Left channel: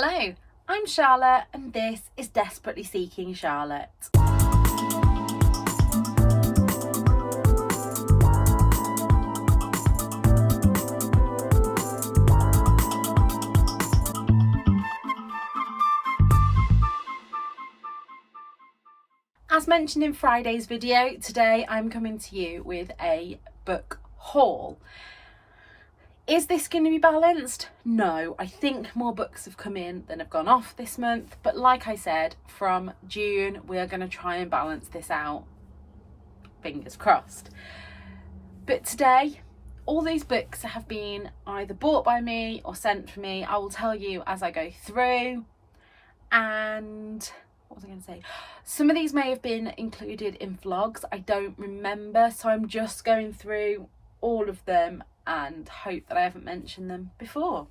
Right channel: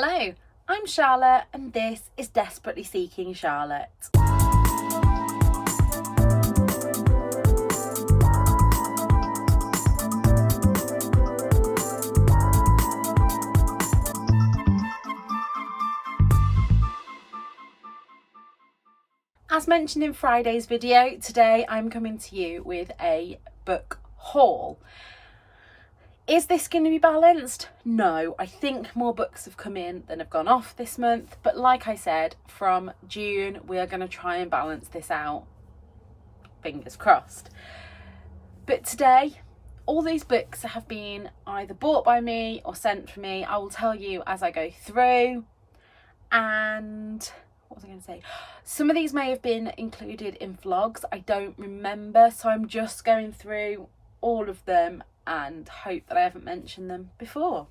Hello, I'm Charlotte and this is Desperately Seeking Charlotte. As mentioned in Friday's video, today I'm coming to you with a book haul. Is this going to be balanced? No, I think more books have come in than have gone off this month. But like I said, from June, we are going to try and balance this out. Fingers crossed. But today, all these books have been either bought by me or sent for me. I will tell you as I go through. And what was I going to say? Some of these may have been included in vlogs. I don't remember. So I'm just going through all of them and hope that I haven't mentioned them before.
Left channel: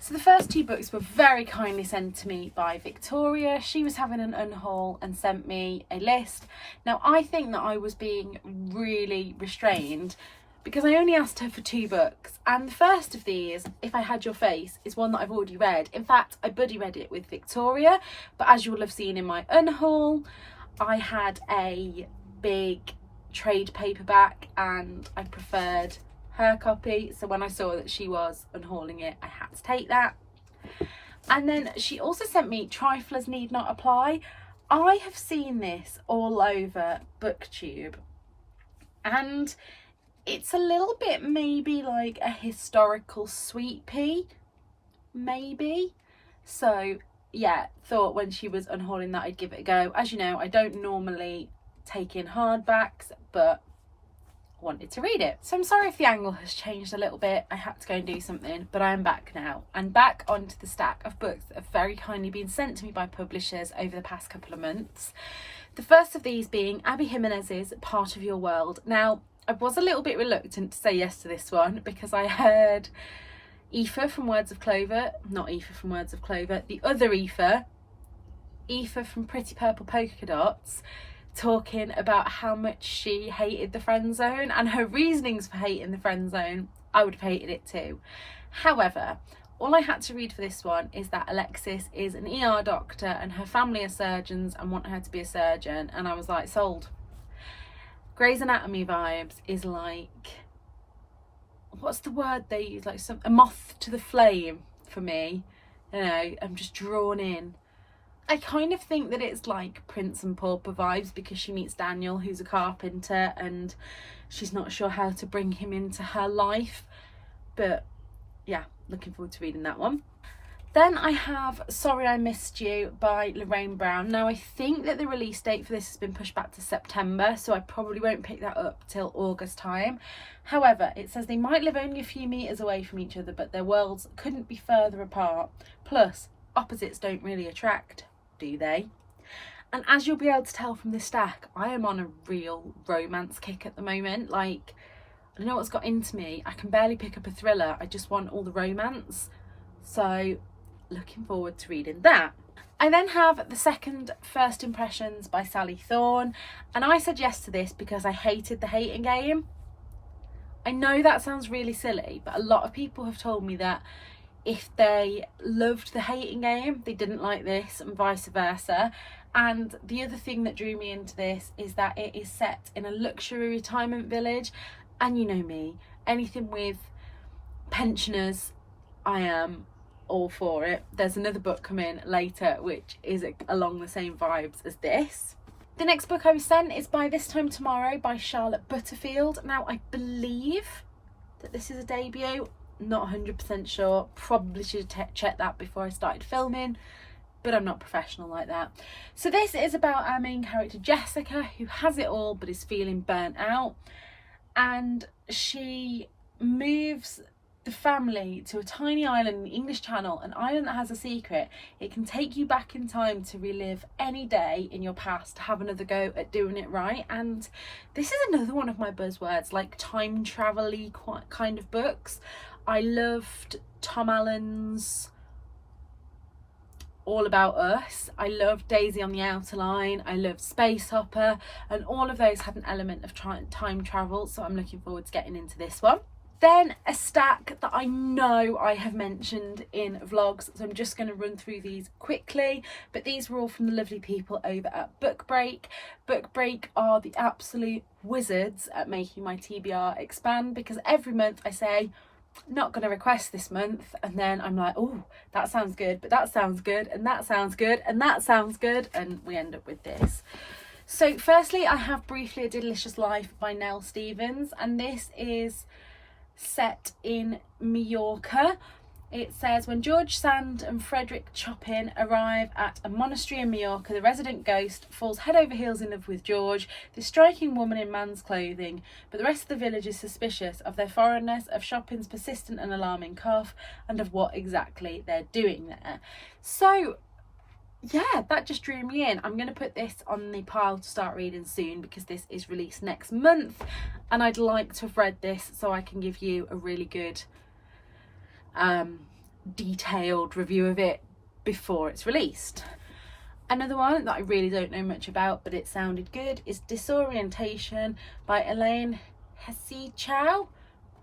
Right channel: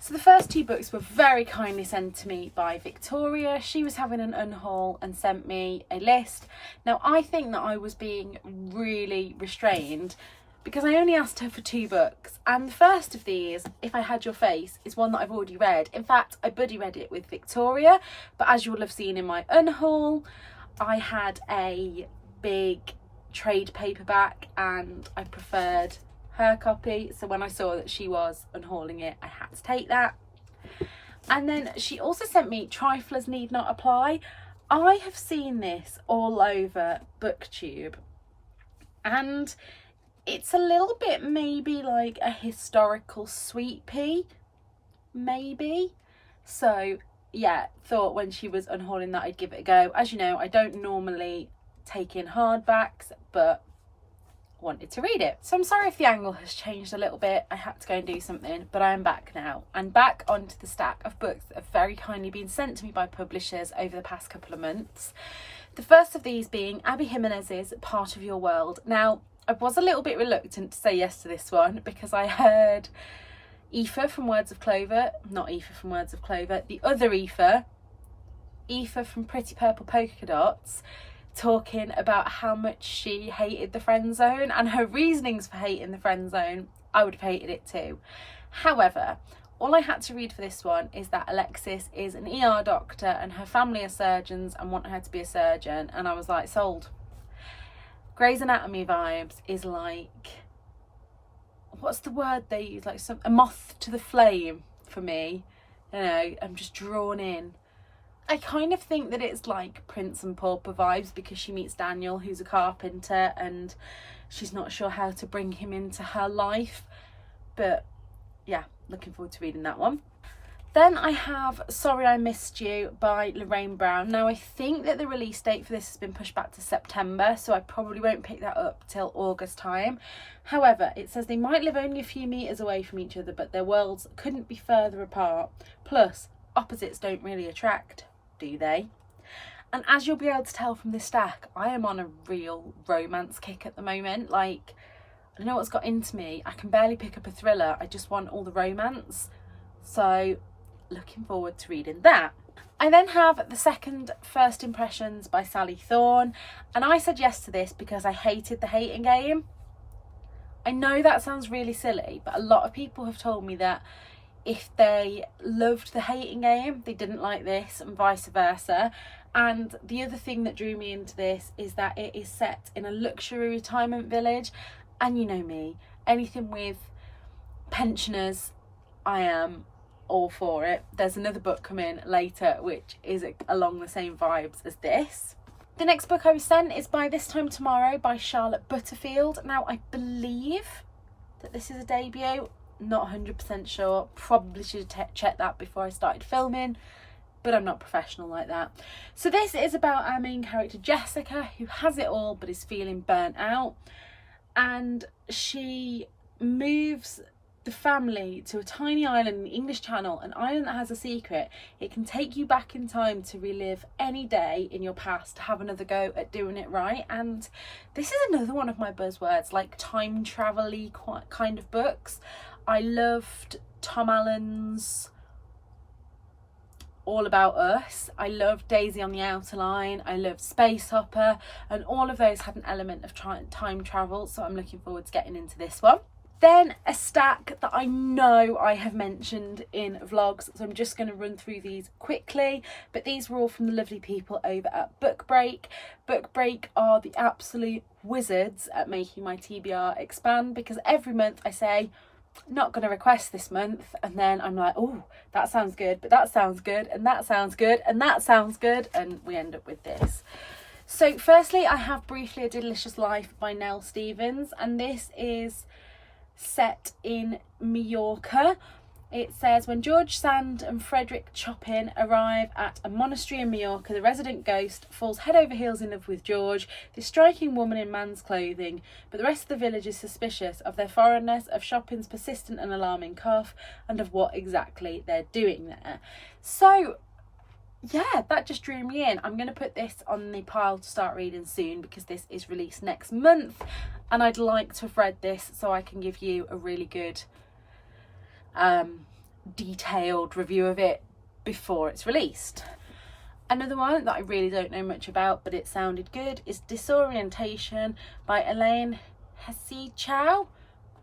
So the first two books were very kindly sent to me by Victoria. She was having an unhaul and sent me a list. Now I think that I was being really restrained because I only asked her for 2 books, and the first of these, If I Had Your Face, is one that I've already read. In fact, I buddy read it with Victoria, but as you will have seen in my unhaul, I had a big trade paperback and I preferred her copy, so when I saw that she was unhauling it, I had to take that. And then she also sent me Triflers Need Not Apply. I have seen this all over BookTube and it's a little bit maybe like a historical sweet pea, maybe. So yeah, thought when she was unhauling that I'd give it a go. As you know, I don't normally take in hardbacks, but wanted to read it. So I'm sorry if the angle has changed a little bit. I had to go and do something, but I am back now and back onto the stack of books that have very kindly been sent to me by publishers over the past couple of months. The first of these being Abby Jimenez's Part of Your World. Now, I was a little bit reluctant to say yes to this one because I heard Aoife from Words of Clover, not Aoife from Words of Clover, the other Aoife from Pretty Purple Polka Dots, talking about how much she hated the friend zone and her reasonings for hating the friend zone. I would have hated it too. However, all I had to read for this one is that Alexis is an ER doctor and her family are surgeons and want her to be a surgeon, and I was like, sold. Grey's Anatomy vibes is like, what's the word they use, like a moth to the flame for me. You know, I'm just drawn in. I kind of think that it's like Prince and Pauper vibes because she meets Daniel, who's a carpenter, and she's not sure how to bring him into her life. But yeah, looking forward to reading that one. Then I have Sorry I Missed You by Lorraine Brown. Now I think that the release date for this has been pushed back to September, so I probably won't pick that up till August time. However, it says they might live only a few metres away from each other, but their worlds couldn't be further apart. Plus, opposites don't really attract, do they? And as you'll be able to tell from this stack, I am on a real romance kick at the moment. Like, I don't know what's got into me. I can barely pick up a thriller. I just want all the romance. So, looking forward to reading that. I then have the second First Impressions by Sally Thorne, and I said yes to this because I hated The Hating Game. I know that sounds really silly, but a lot of people have told me that if they loved The Hating Game, they didn't like this, and vice versa. And the other thing that drew me into this is that it is set in a luxury retirement village, and you know me, anything with pensioners, I am all for it. There's another book coming later which is along the same vibes as this. The next book I was sent is by This Time Tomorrow by Charlotte Butterfield. Now I believe that this is a debut, not 100% sure, probably should have checked that before I started filming, but I'm not professional like that. So this is about our main character Jessica, who has it all but is feeling burnt out, and she moves the family to a tiny island in the English Channel, an island that has a secret. It can take you back in time to relive any day in your past to have another go at doing it right. And this is another one of my buzzwords, like time travel-y kind of books. I loved Tom Allen's All About Us. I loved Daisy on the Outer Line. I loved Space Hopper, and all of those had an element of time travel, so I'm looking forward to getting into this one. Then a stack that I know I have mentioned in vlogs, so I'm just going to run through these quickly, but these were all from the lovely people over at Book Break. Book Break are the absolute wizards at making my TBR expand, because every month I say, not going to request this month, and then I'm like, oh, that sounds good, but that sounds good, and that sounds good, and that sounds good, and we end up with this. So firstly, I have Briefly a Delicious Life by Nell Stevens, and this is set in Mallorca. It says, when George Sand and Frederick Chopin arrive at a monastery in Mallorca, the resident ghost falls head over heels in love with George, this striking woman in man's clothing, but the rest of the village is suspicious of their foreignness, of Chopin's persistent and alarming cough, and of what exactly they're doing there. So yeah, that just drew me in. I'm going to put this on the pile to start reading soon, because this is released next month, and I'd like to have read this so I can give you a really good detailed review of it before it's released. Another one that I really don't know much about, but it sounded good, is Disorientation by Elaine Hesse-Chow.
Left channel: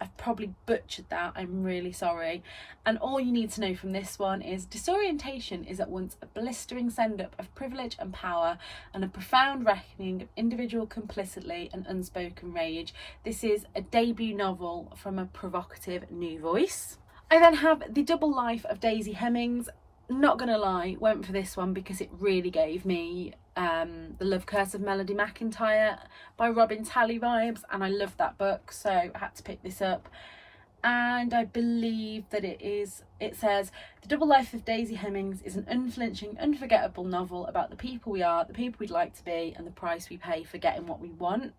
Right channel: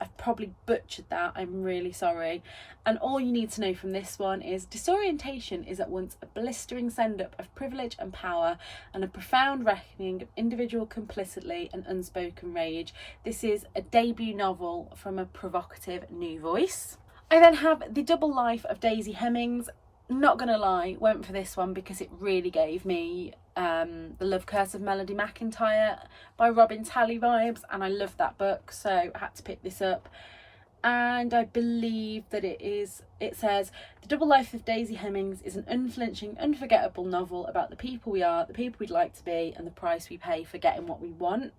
I've probably butchered that, I'm really sorry. And all you need to know from this one is disorientation is at once a blistering send-up of privilege and power, and a profound reckoning of individual complicity and unspoken rage. This is a debut novel from a provocative new voice. I then have The Double Life of Daisy Hemmings. Not gonna lie, went for this one because it really gave me The Love Curse of Melody McIntyre by Robin Talley vibes, and I loved that book, so I had to pick this up. And I believe that it says, The Double Life of Daisy Hemmings is an unflinching, unforgettable novel about the people we are, the people we'd like to be, and the price we pay for getting what we want.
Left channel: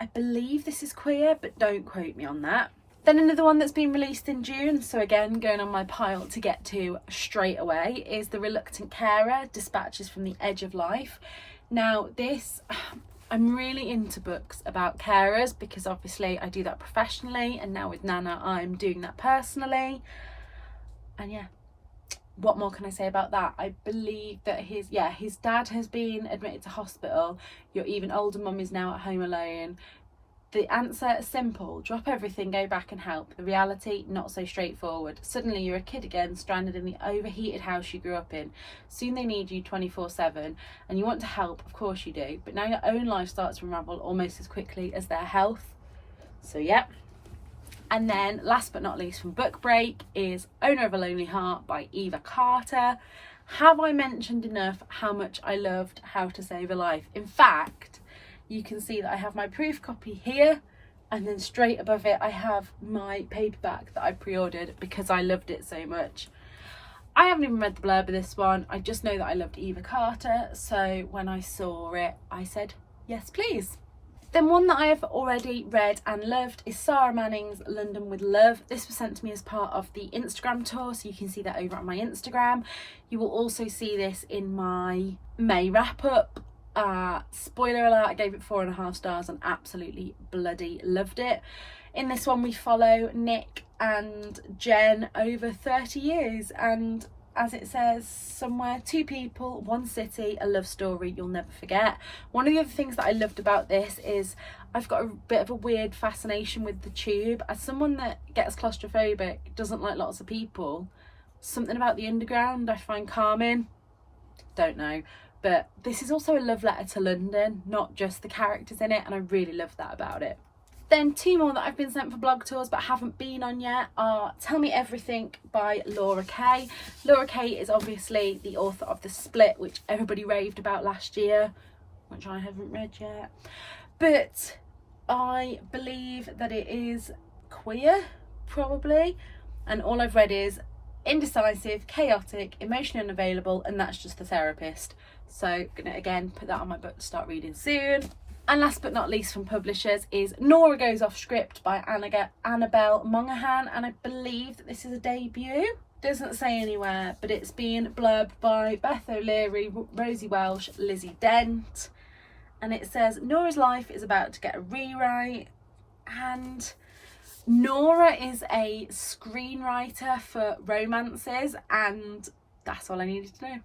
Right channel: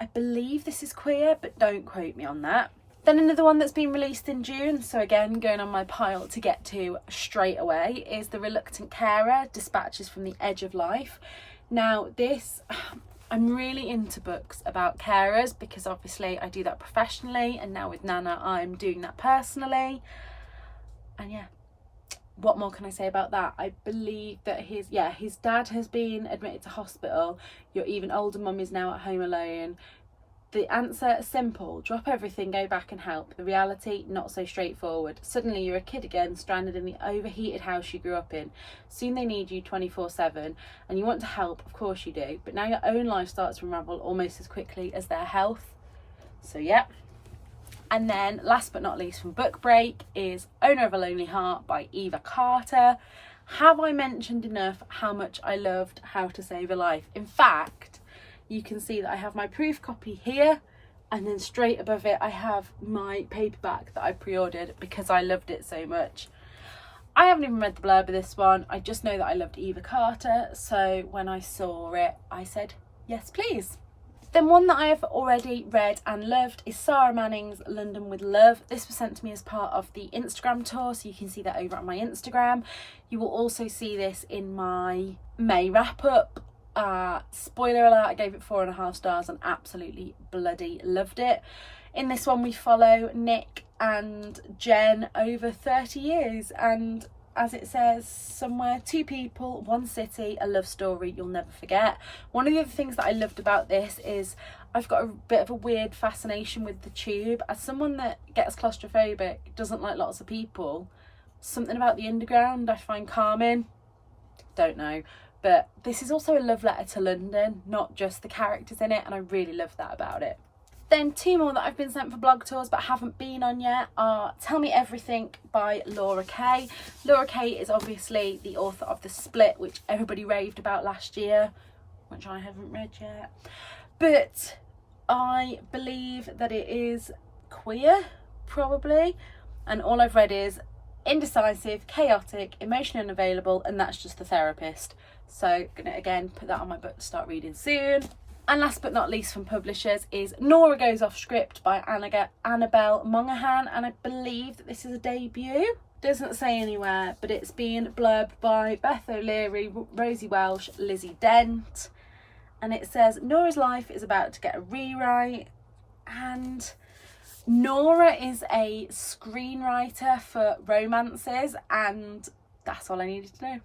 I believe this is queer, but don't quote me on that. Then another one that's been released in June, so again going on my pile to get to straight away, is The Reluctant Carer, Dispatches from the Edge of Life. Now this, I'm really into books about carers, because obviously I do that professionally, and now with Nana I'm doing that personally. And yeah, what more can I say about that? I believe that his dad has been admitted to hospital. Your even older mum is now at home alone. The answer is simple: drop everything, go back and help. The reality, not so straightforward. Suddenly you're a kid again, stranded in the overheated house you grew up in. Soon they need you 24/7, and you want to help, of course you do, but now your own life starts to unravel almost as quickly as their health. So yeah. And then last but not least from Book Break is Owner of a Lonely Heart by Eva Carter. Have I mentioned enough how much I loved How to Save a Life? In fact, you can see that I have my proof copy here, and then straight above it I have my paperback that I pre-ordered because I loved it so much. I haven't even read the blurb of this one. I just know that I loved Eva Carter, so when I saw it I said yes please. Then one that I have already read and loved is Sarah Manning's London with Love. This was sent to me as part of the Instagram tour, so you can see that over on my Instagram. You will also see this in my May wrap up. Spoiler alert, I gave it 4.5 stars and absolutely bloody loved it. In this one we follow Nick and Jen over 30 years, and as it says somewhere, 2 people, 1 city, a love story you'll never forget. One of the other things that I loved about this is I've got a bit of a weird fascination with the tube. As someone that gets claustrophobic, doesn't like lots of people, something about the underground I find calming. Don't know. But this is also a love letter to London, not just the characters in it, and I really love that about it. Then 2 more that I've been sent for blog tours but haven't been on yet are Tell Me Everything by Laura Kay. Laura Kay is obviously the author of The Split, which everybody raved about last year, which I haven't read yet. But I believe that it is queer, probably, and all I've read is indecisive, chaotic, emotionally unavailable, and that's just the therapist. So gonna again put that on my book to start reading soon. And last but not least from publishers is Nora Goes Off Script by Annabelle Monaghan, and I believe that this is a debut. Doesn't say anywhere, but it's been blurbed by Beth O'Leary, Rosie Welsh, Lizzie Dent, and it says Nora's life is about to get a rewrite, and Nora is a screenwriter for romances, and that's all I needed to know.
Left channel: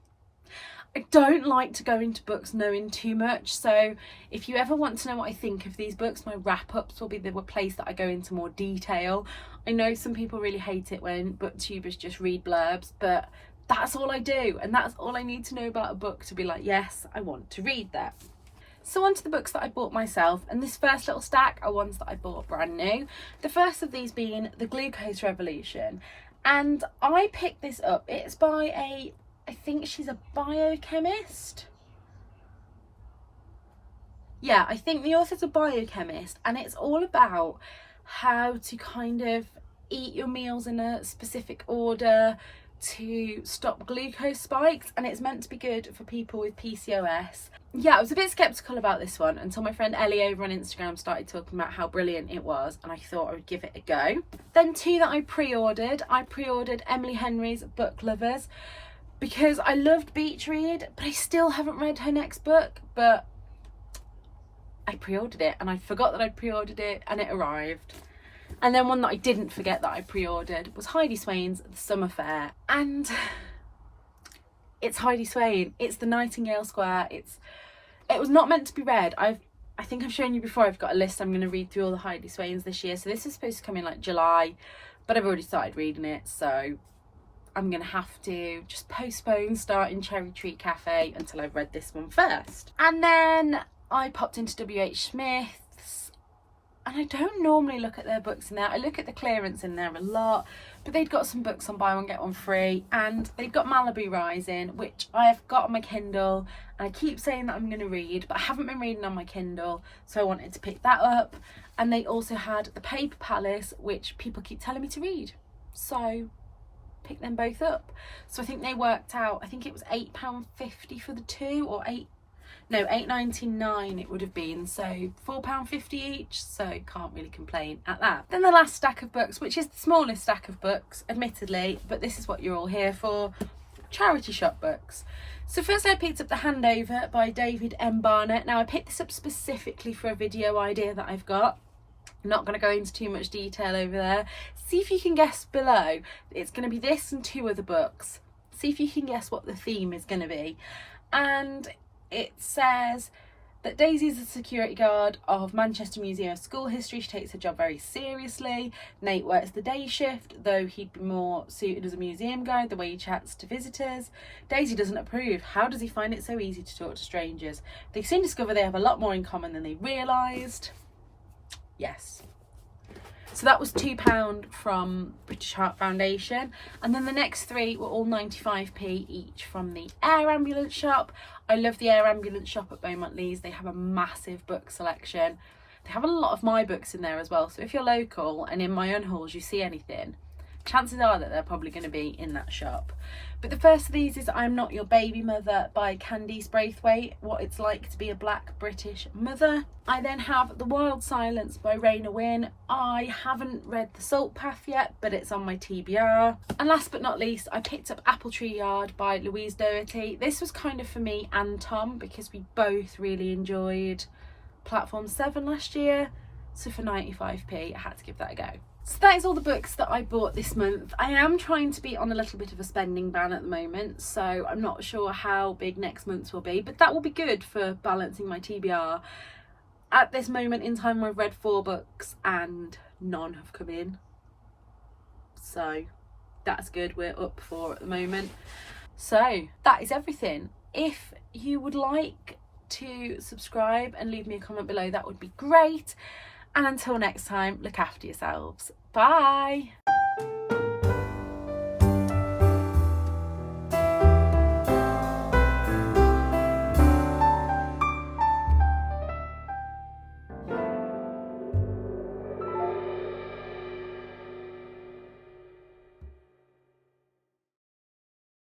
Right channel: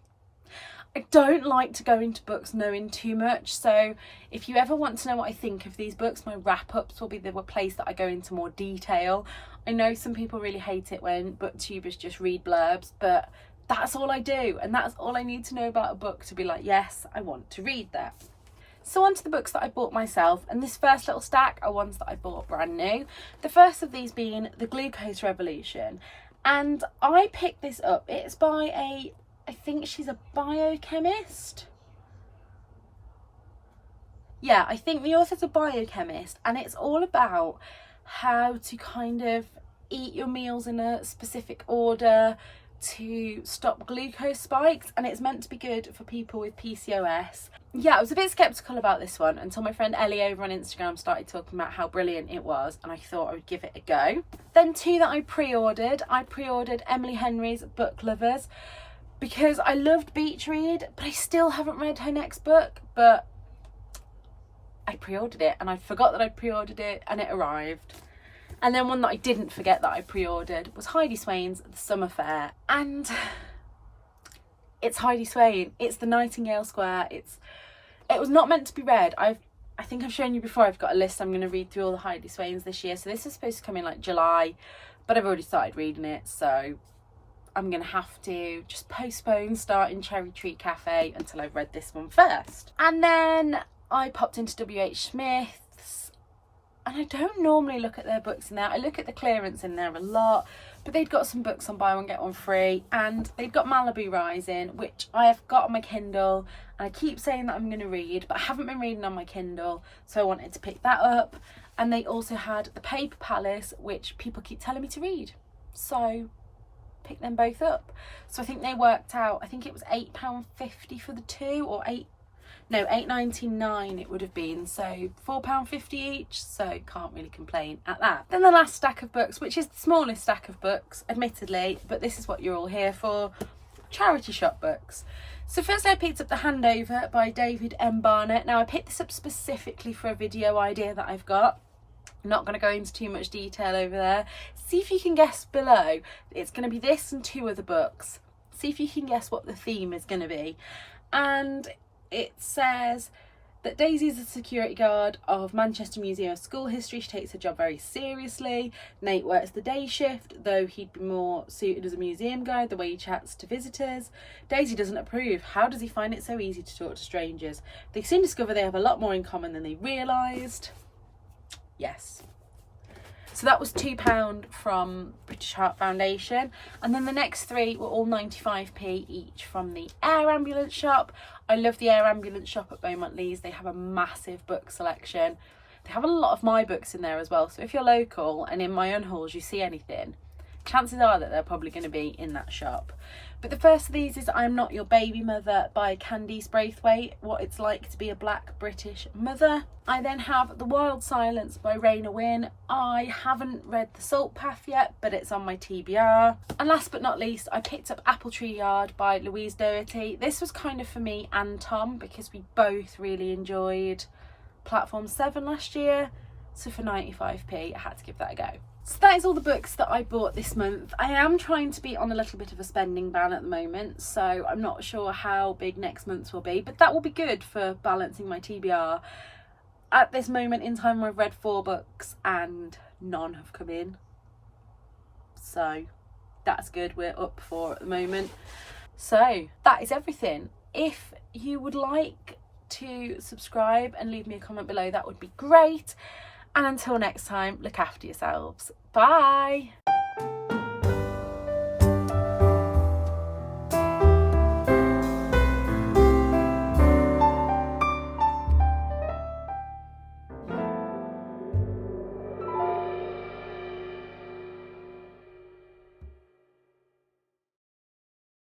I don't like to go into books knowing too much, so if you ever want to know what I think of these books, my wrap-ups will be the place that I go into more detail. I know some people really hate it when booktubers just read blurbs, but that's all I do, and that's all I need to know about a book to be like, yes, I want to read that. So on to the books that I bought myself, and this first little stack are ones that I bought brand new. The first of these being The Glucose Revolution, and I picked this up. It's by I think she's a biochemist. Yeah, I think the author's a biochemist, and it's all about how to kind of eat your meals in a specific order to stop glucose spikes, and it's meant to be good for people with PCOS. Yeah, I was a bit skeptical about this one until my friend Ellie over on Instagram started talking about how brilliant it was, and I thought I would give it a go. Then two that I pre-ordered Emily Henry's Book Lovers, because I loved Beach Read, but I still haven't read her next book, but I pre-ordered it, and I forgot that I'd pre-ordered it, and it arrived. And then one that I didn't forget that I pre-ordered was Heidi Swain's The Summer Fair, and it's Heidi Swain. It's the Nightingale Square. It was not meant to be read. I think I've shown you before, I've got a list. I'm going to read through all the Heidi Swains this year, so this is supposed to come in like July, but I've already started reading it, so I'm going to have to just postpone starting Cherry Treat Cafe until I've read this one first. And then I popped into WH Smith's, and I don't normally look at their books in there. I look at the clearance in there a lot, but they'd got some books on buy one get one free, and they've got Malibu Rising, which I have got on my Kindle, and I keep saying that I'm going to read, but I haven't been reading on my Kindle, so I wanted to pick that up. And they also had The Paper Palace, which people keep telling me to read, so pick them both up. So I think they worked out, I think it was £8.50 for the two, or £8.99 it would have been, so £4.50 each, so can't really complain at that. Then the last stack of books, which is the smallest stack of books admittedly, but this is what you're all here for, charity shop books. So first I picked up The Handover by David M. Barnett. Now I picked this up specifically for a video idea that I've got. I'm not going to go into too much detail over there. See if you can guess below. It's going to be this and two other books. See if you can guess what the theme is going to be. And it says that Daisy is a security guard of Manchester Museum of School History. She takes her job very seriously. Nate works the day shift, though he'd be more suited as a museum guide, the way he chats to visitors. Daisy doesn't approve. How does he find it so easy to talk to strangers? They soon discover they have a lot more in common than they realised. Yes. So that was £2 from British Heart Foundation. And then the next three were all 95p each from the Air Ambulance shop. I love the Air Ambulance shop at Beaumont Leys. They have a massive book selection. They have a lot of my books in there as well. So if you're local and in my unhauls you see anything, chances are that they're probably going to be in that shop. But the first of these is I'm Not Your Baby Mother by Candice Braithwaite, what it's like to be a black British mother. I then have The Wild Silence by Raina Wynn. I haven't read The Salt Path yet, but it's on my TBR. And last but not least, I picked up Apple Tree Yard by Louise Doherty. This was kind of for me and Tom because we both really enjoyed Platform 7 last year. So for 95p, I had to give that a go. So that is all the books that I bought this month. I am trying to be on a little bit of a spending ban at the moment, so I'm not sure how big next month's will be, but that will be good for balancing my TBR. At this moment in time, I've read 4 books and none have come in. So that's good. We're up 4 at the moment. So that is everything. If you would like to subscribe and leave me a comment below, that would be great. And until next time, look after yourselves. Bye.